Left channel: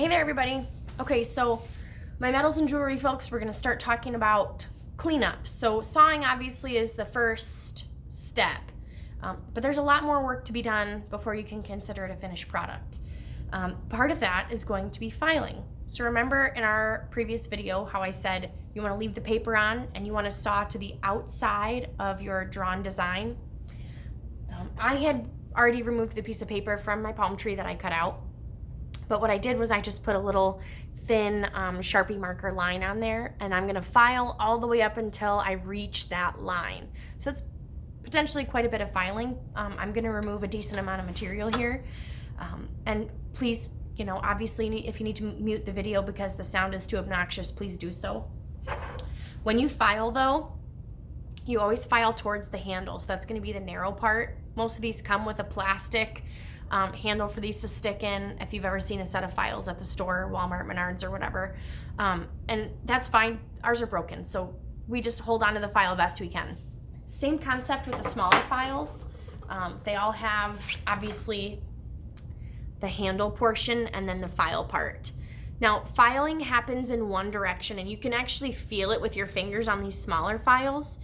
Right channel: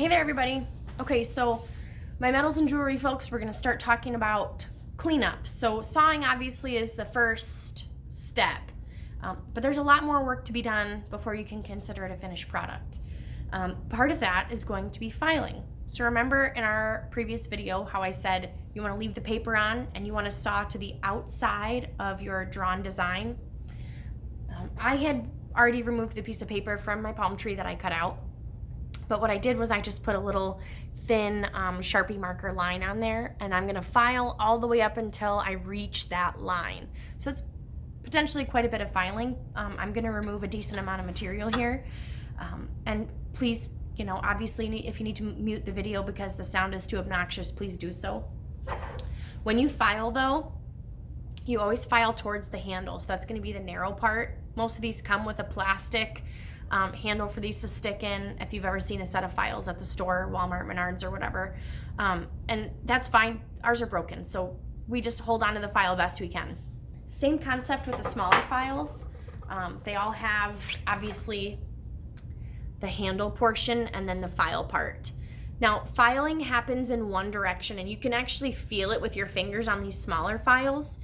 Hey there, everybody. Okay, so my metals and jewelry folks, we're going to start talking about cleanup. So sawing obviously is the first step, but there's a lot more work to be done before you can consider it a finished product. Part of that is going to be filing. So remember in our previous video how I said you want to leave the paper on and you want to saw to the outside of your drawn design. I had already removed the piece of paper from my palm tree that I cut out. But what I did was I just put a little thin Sharpie marker line on there, and I'm gonna file all the way up until I reach that line. So it's potentially quite a bit of filing. I'm gonna remove a decent amount of material here. And please, obviously if you need to mute the video because the sound is too obnoxious, please do so. When you file though, you always file towards the handle. So that's gonna be the narrow part. Most of these come with a plastic handle for these to stick in if you've ever seen a set of files at the store, Walmart, Menards, or whatever. And that's fine. Ours are broken, so we just hold on to the file best we can. Same concept with the smaller files. They all have, obviously, the handle portion and then the file part. Now, filing happens in one direction, and you can actually feel it with your fingers on these smaller files.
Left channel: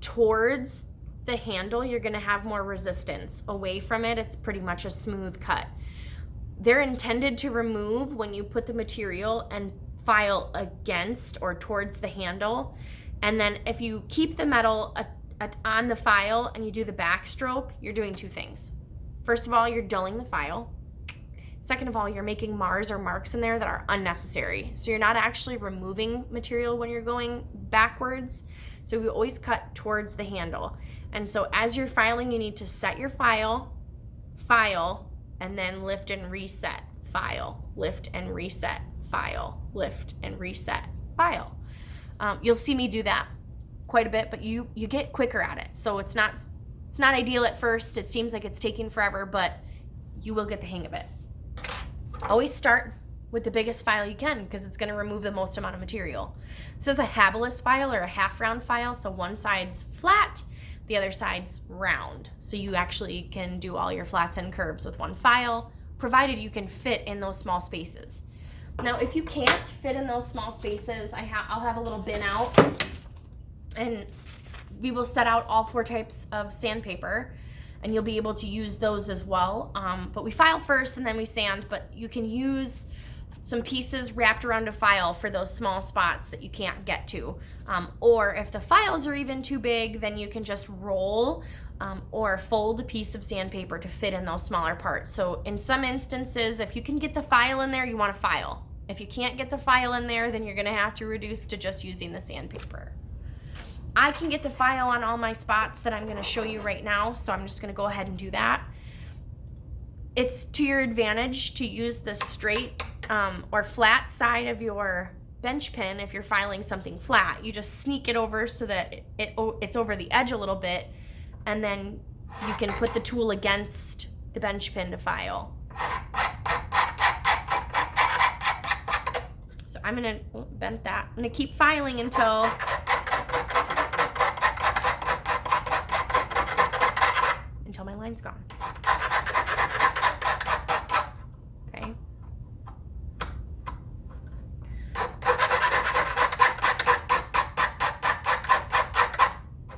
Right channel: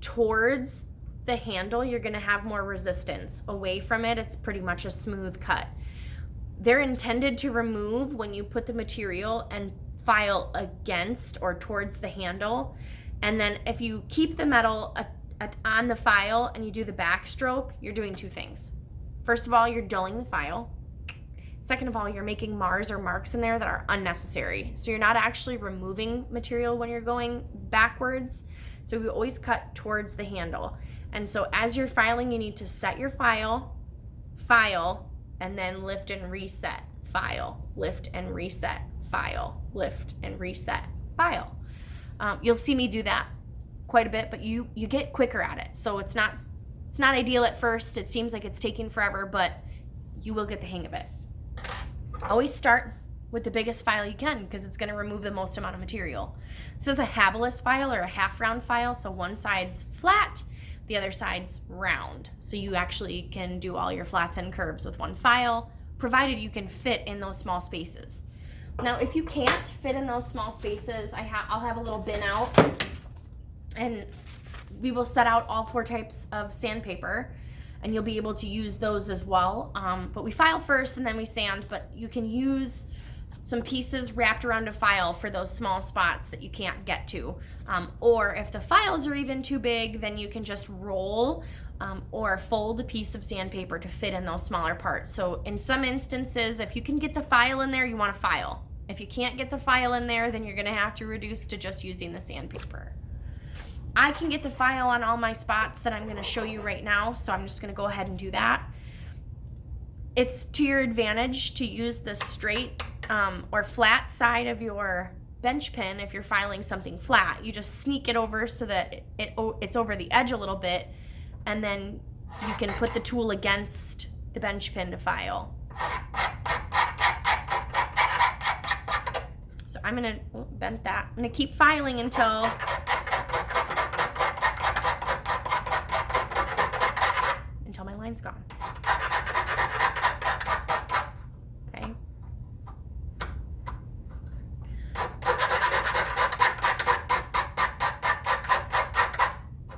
Towards the handle, you're going to have more resistance. Away from it, it's pretty much a smooth cut. They're intended to remove when you put the material and file against or towards the handle. And then if you keep the metal on the file and you do the backstroke, you're doing two things. First of all, you're dulling the file. Second of all, you're making mars or marks in there that are unnecessary. So you're not actually removing material when you're going backwards. So we always cut towards the handle. And so as you're filing, you need to set your file, and then lift and reset, file, lift and reset, file, lift and reset, file. You'll see me do that quite a bit, but you get quicker at it. So it's not ideal at first. It seems like it's taking forever, but you will get the hang of it. Always start with the biggest file you can because it's going to remove the most amount of material. This is a habilis file or a half round file, so one side's flat, the other side's round. So you actually can do all your flats and curves with one file, provided you can fit in those small spaces. Now, if you can't fit in those small spaces, I'll have a little bin out, and we will set out all 4 types of sandpaper, and you'll be able to use those as well. But we file first and then we sand, but you can use some pieces wrapped around a file for those small spots that you can't get to. Or if the files are even too big, then you can just roll or fold a piece of sandpaper to fit in those smaller parts. So in some instances, if you can get the file in there, you want to file. If you can't get the file in there, then you're going to have to reduce to just using the sandpaper. I can get the file on all my spots that I'm going to show you right now, so I'm just going to go ahead and do that. It's to your advantage to use the straight or flat side of your bench pin. If you're filing something flat, you just sneak it over so that it's over the edge a little bit, and then you can put the tool against the bench pin to file. So I'm gonna bend that. I'm gonna keep filing until my line's gone. Okay.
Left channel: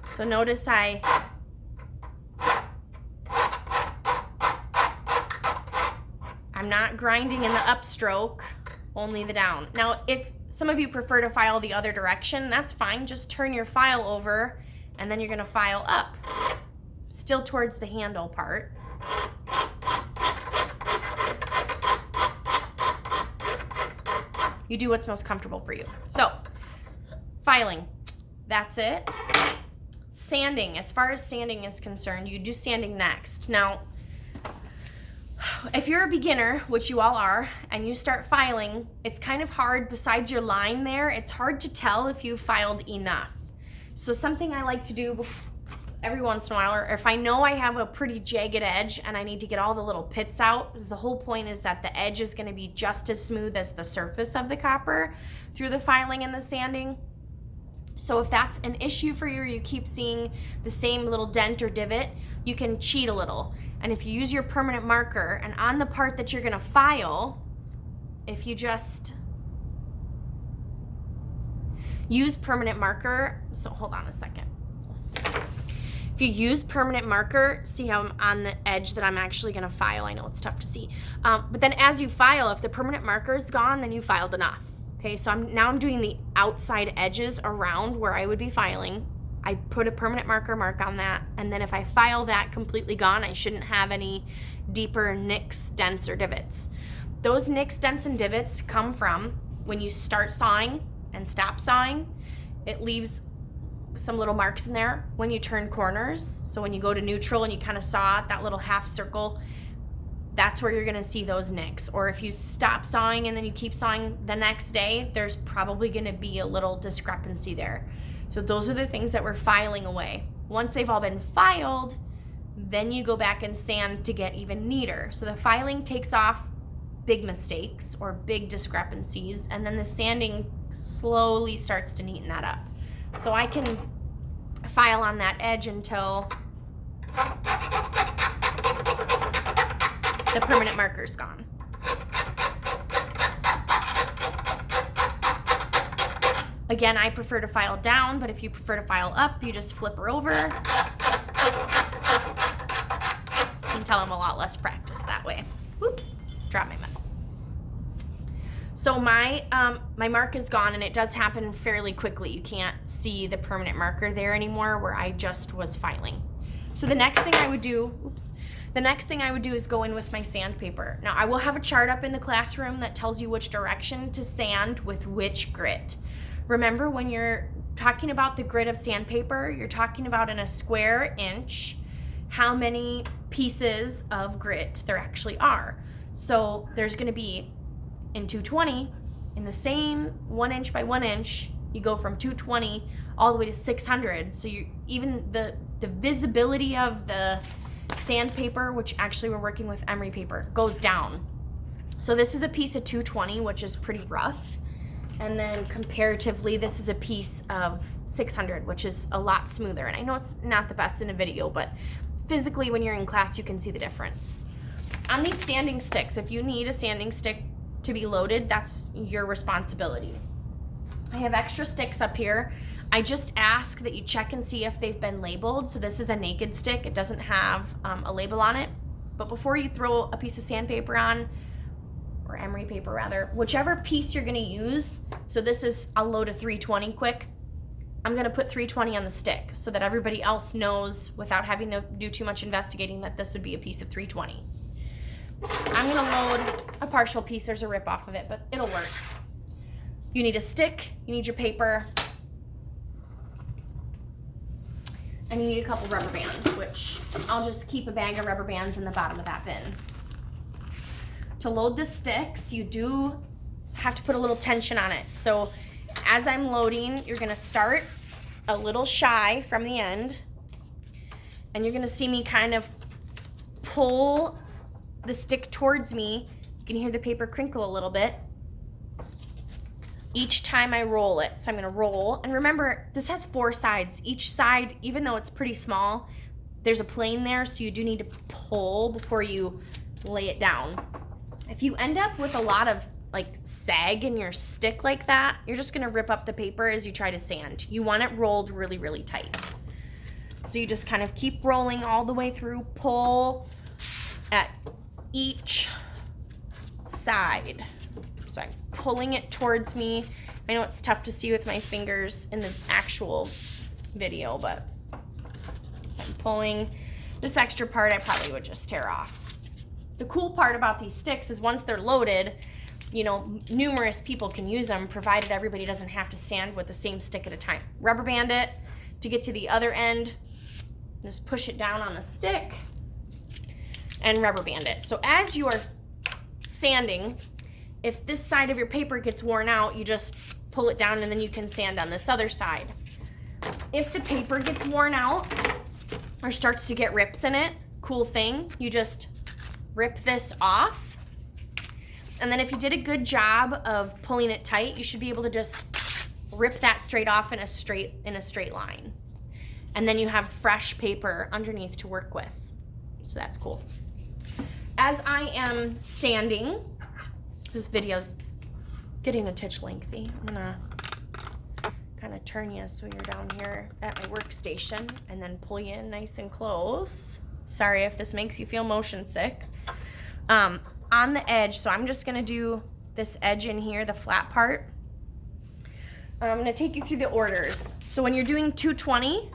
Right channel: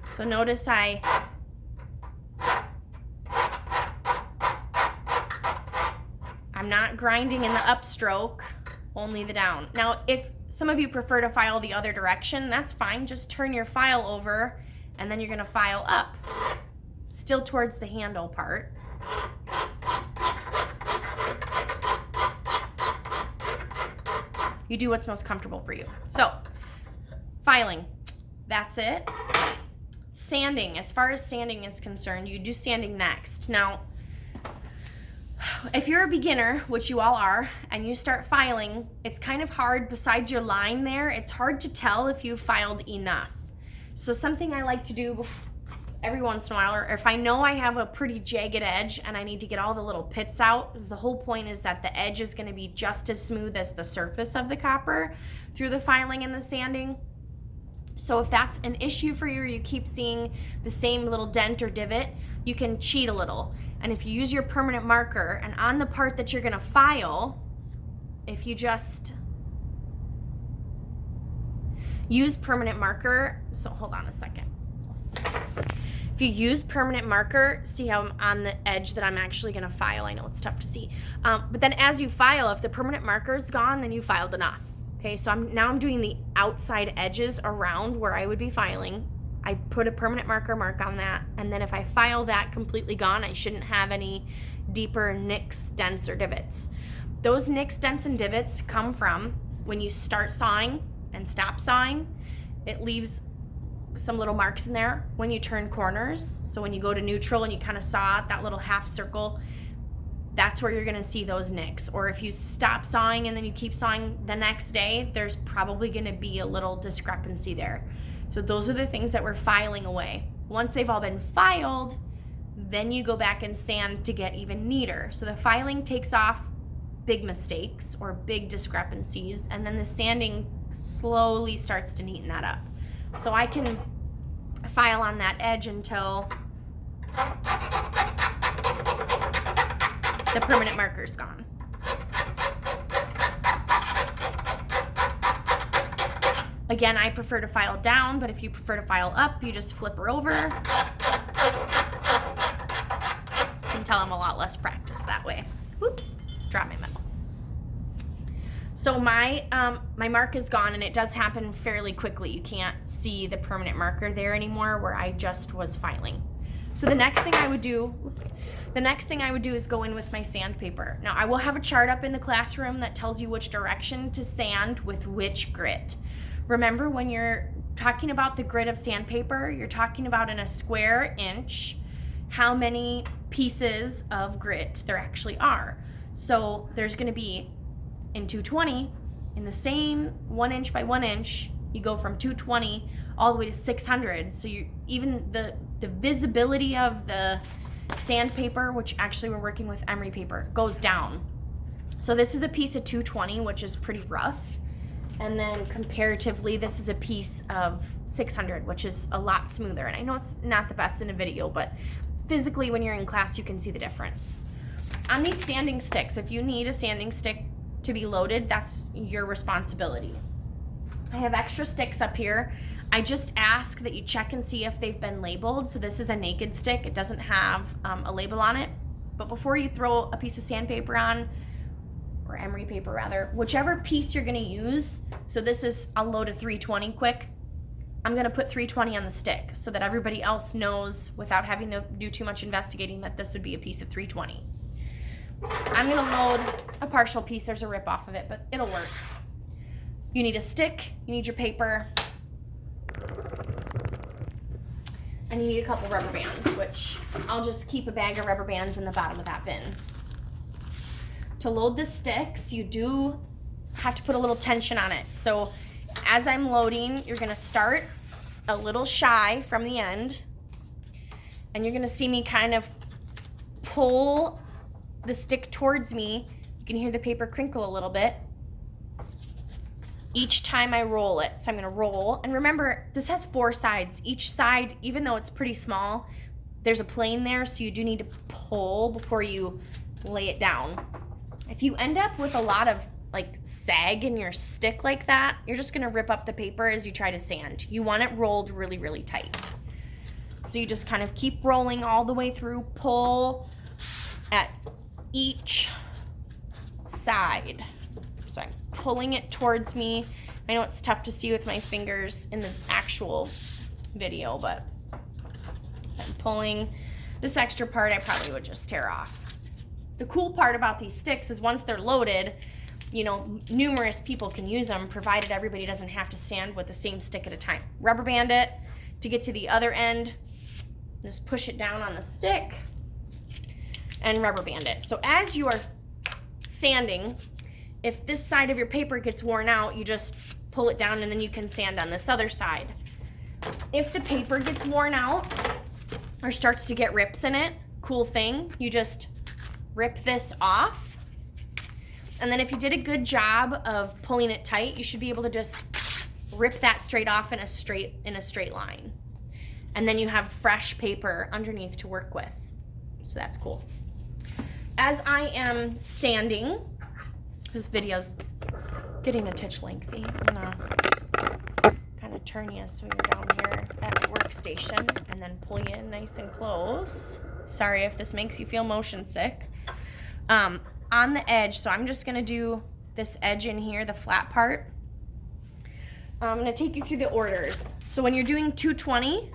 So notice I'm not grinding in the upstroke, only the down. Now, if some of you prefer to file the other direction, that's fine. Just turn your file over and then you're gonna file up, still towards the handle part. You do what's most comfortable for you. So, filing, that's it. Sanding, as far as sanding is concerned, you do sanding next. Now, if you're a beginner, which you all are, and you start filing, it's kind of hard, besides your line there, it's hard to tell if you've filed enough. So something I like to do every once in a while, or if I know I have a pretty jagged edge and I need to get all the little pits out, because the whole point is that the edge is going to be just as smooth as the surface of the copper through the filing and the sanding. So if that's an issue for you, or you keep seeing the same little dent or divot, you can cheat a little. And if you use your permanent marker and on the part that you're gonna file, if you just use permanent marker, so hold on a second. If you use permanent marker, see how I'm on the edge that I'm actually going to file. I know it's tough to see. But then as you file, if the permanent marker is gone, then you filed enough. Okay, so I'm doing the outside edges around where I would be filing. I put a permanent marker mark on that, and then if I file that completely gone, I shouldn't have any deeper nicks, dents, or divots. Those nicks, dents, and divots come from when you start sawing and stop sawing. It leaves some little marks in there when you turn corners. So when you go to neutral and you kind of saw that little half circle, that's where you're going to see those nicks. Or if you stop sawing and then you keep sawing the next day, there's probably going to be a little discrepancy there. So those are the things that we're filing away. Once they've all been filed, then you go back and sand to get even neater. So the filing takes off big mistakes or big discrepancies, and then the sanding slowly starts to neaten that up. So I can file on that edge until the permanent marker's gone. Again, I prefer to file down, but if you prefer to file up, you just flip her over. You can tell I'm a lot less practiced that way. Whoops, drop my metal. So my mark is gone, and it does happen fairly quickly. You can't see the permanent marker there anymore where I just was filing. So the next thing I would do, is go in with my sandpaper. Now I will have a chart up in the classroom that tells you which direction to sand with which grit. Remember, when you're talking about the grit of sandpaper, you're talking about in a square inch how many pieces of grit there actually are. So there's going to be in 220, in the same 1 inch by 1 inch, you go from 220 all the way to 600. So you even the visibility of the sandpaper, which actually we're working with emery paper, goes down. So this is a piece of 220, which is pretty rough. And then comparatively, this is a piece of 600, which is a lot smoother. And I know it's not the best in a video, but physically when you're in class, you can see the difference. On these sanding sticks, if you need a sanding stick to be loaded, that's your responsibility. I have extra sticks up here. I just ask that you check and see if they've been labeled. So this is a naked stick. It doesn't have a label on it. But before you throw a piece of sandpaper on, or emery paper rather, whichever piece you're gonna use, so this is, I'll load a 320 quick. I'm gonna put 320 on the stick so that everybody else knows without having to do too much investigating that this would be a piece of 320. I'm gonna load a partial piece. There's a rip off of it, but it'll work. You need a stick, you need your paper, and you need a couple rubber bands, which I'll just keep a bag of rubber bands in the bottom of that bin. To load the sticks, you do have to put a little tension on it. So as I'm loading, you're gonna start a little shy from the end, and you're gonna see me kind of pull the stick towards me. You can hear the paper crinkle a little bit each time I roll it. So I'm gonna roll, and remember, this has 4 sides. Each side, even though it's pretty small, there's a plane there, so you do need to pull before you lay it down. If you end up with a lot of like sag in your stick like that, you're just gonna rip up the paper as you try to sand. You want it rolled really, really tight. So you just kind of keep rolling all the way through, pull at each side. So I'm pulling it towards me. I know it's tough to see with my fingers in the actual video, but I'm pulling. This extra part I probably would just tear off. The cool part about these sticks is once they're loaded, you know, numerous people can use them, provided everybody doesn't have to sand with the same stick at a time. Rubber band it to get to the other end. Just push it down on the stick and rubber band it. So as you are sanding, if this side of your paper gets worn out, you just pull it down and then you can sand on this other side. If the paper gets worn out or starts to get rips in it, cool thing, you just rip this off. And then if you did a good job of pulling it tight, you should be able to just rip that straight off in a straight line. And then you have fresh paper underneath to work with. So that's cool. As I am sanding, This video's getting a titch lengthy. I'm gonna kind of turn you so you're down here at the workstation and then pull you in nice and close. Sorry if this makes you feel motion sick. On the edge, so I'm just gonna do this edge in here, the flat part. I'm gonna take you through the orders. So when you're doing 220,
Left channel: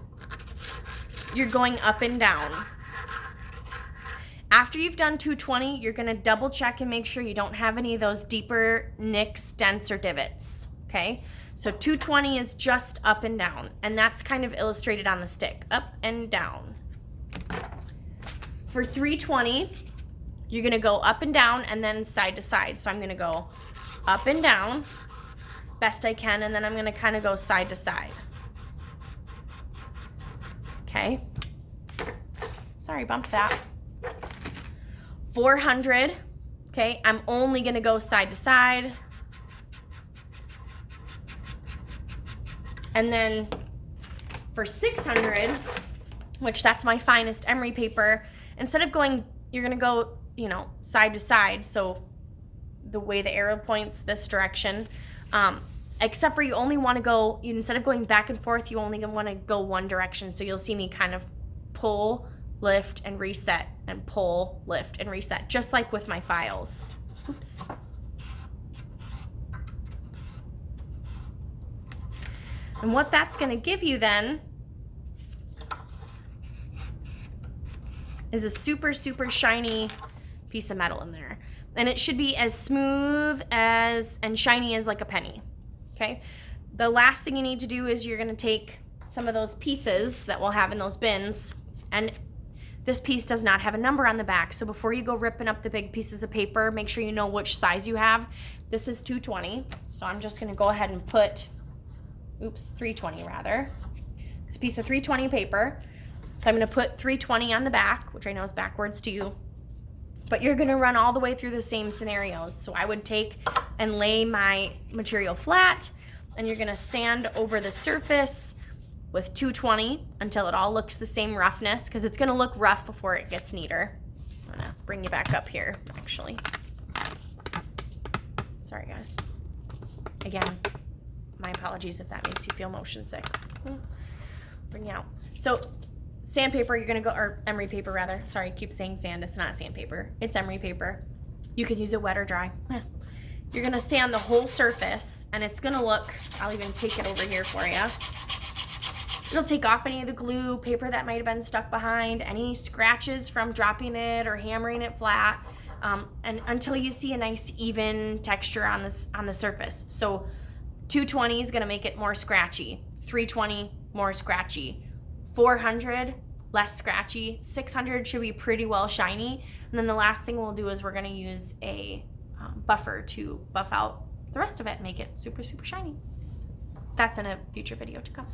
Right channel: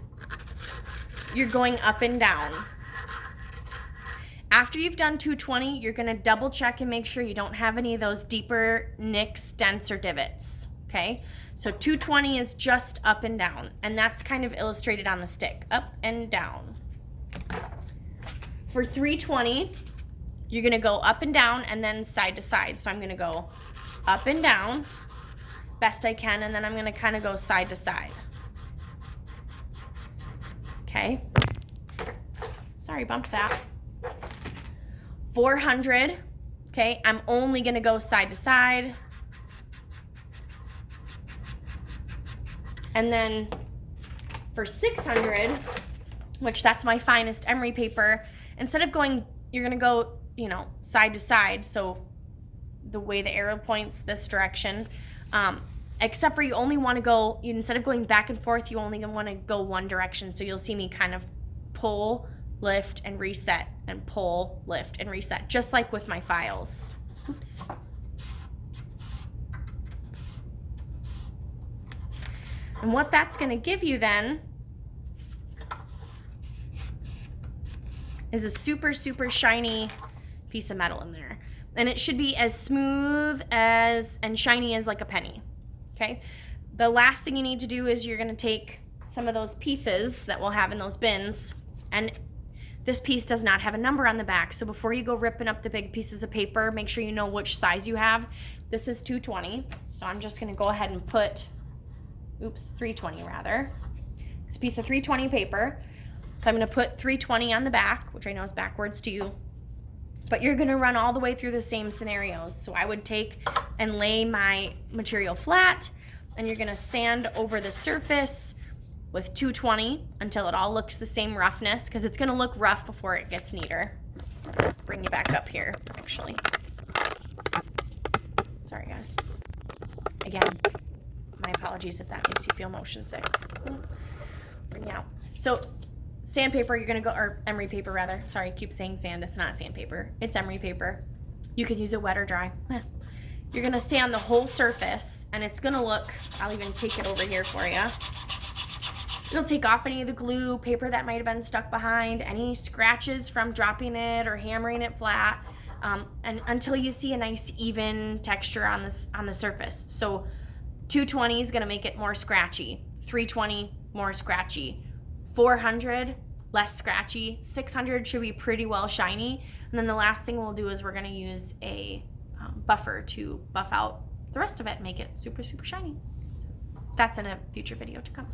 you're going up and down. After you've done 220, you're gonna double check and make sure you don't have any of those deeper nicks, dents, or divots, okay? So 220 is just up and down, and that's kind of illustrated on the stick, up and down. For 320, you're gonna go up and down and then side to side. So I'm gonna go up and down, best I can, and then I'm gonna kind of go side to side. Okay. Sorry, bumped that. 400, okay, I'm only gonna go side to side. And then for 600, which that's my finest emery paper, instead of going, you're gonna go, you know, side to side, so the way the arrow points this direction, except for you only wanna go, instead of going back and forth, you only wanna go one direction, so you'll see me kind of pull, lift, and reset, and pull, lift, and reset, just like with my files. Oops. And what that's gonna give you then is a super, super shiny piece of metal in there. And it should be as smooth as and shiny as like a penny, okay? The last thing you need to do is you're gonna take some of those pieces that we'll have in those bins, and this piece does not have a number on the back, so before you go ripping up the big pieces of paper, make sure you know which size you have. This is 220, so I'm just gonna go ahead and put, 320 rather. It's a piece of 320 paper. So I'm gonna put 320 on the back, which I know is backwards to you, but you're gonna run all the way through the same scenarios. So I would take and lay my material flat, and you're gonna sand over the surface with 220 until it all looks the same roughness, because it's gonna look rough before it gets neater. I'm gonna bring you back up here, actually. Sorry, guys. Again, my apologies if that makes you feel motion sick. Bring you out. So sandpaper, you're gonna go, or emery paper rather. Sorry, I keep saying sand, it's not sandpaper. It's emery paper. You can use it wet or dry. You're gonna sand the whole surface, and it's gonna look, I'll even take it over here for you. It'll take off any of the glue, paper that might have been stuck behind, any scratches from dropping it or hammering it flat, and until you see a nice even texture on the surface. So 220 is gonna make it more scratchy, 320 more scratchy, 400 less scratchy, 600 should be pretty well shiny, and then the last thing we'll do is we're gonna use a buffer to buff out the rest of it and make it super, super shiny. That's in a future video to come.